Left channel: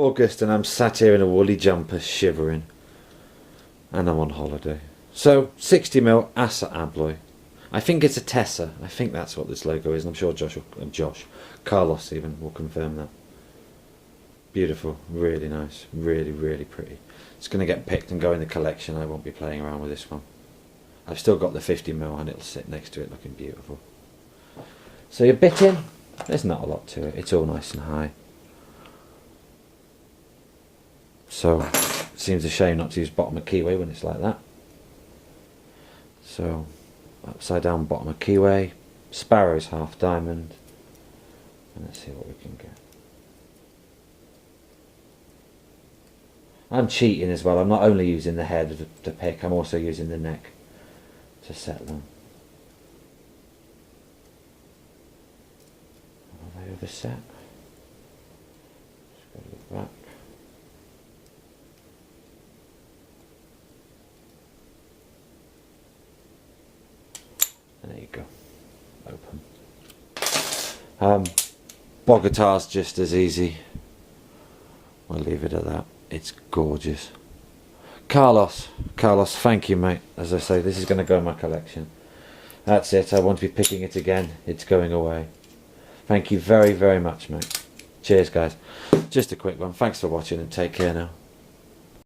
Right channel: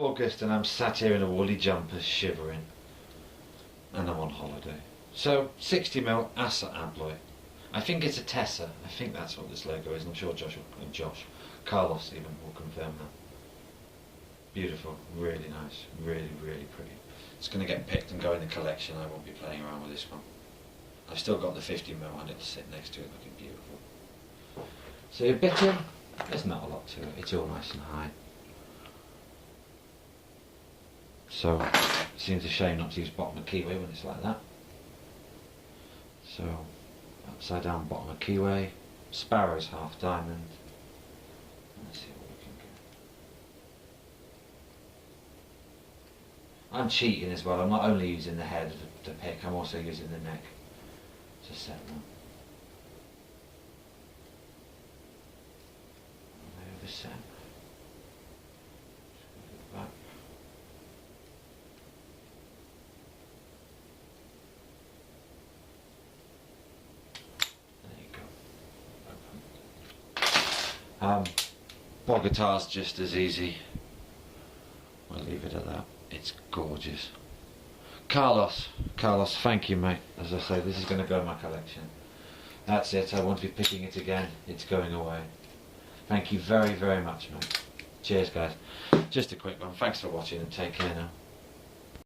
August and I'm sat here in a woolly jumper shivering, and I'm on holiday. So 60mm Assa Abloy. I think it's a Tessa. I think that's what this logo is. I'm sure Carlos even will confirm that. Beautiful, really nice, really pretty. It's going to get picked and go in the collection. I won't be playing around with this one. I've still got the 50mm and it'll sit next to it looking beautiful. So your bitting, there's not a lot to it. It's all nice and high. So seems a shame not to use bottom of keyway when it's like that. So upside down bottom of keyway, Sparrow's half diamond, and let's see what we can get. I'm cheating as well. I'm not only using the head to pick, I'm also using the neck to set them. Are they over set? Just go to the back. There you go. Open. Bogatar's just as easy. We'll leave it at that. It's gorgeous. Carlos, thank you, mate. As I say, this is going to go in my collection. That's it. I won't be picking it again. It's going away. Thank you very much, mate. Cheers, guys. Just a quick one. Thanks for watching and take care now.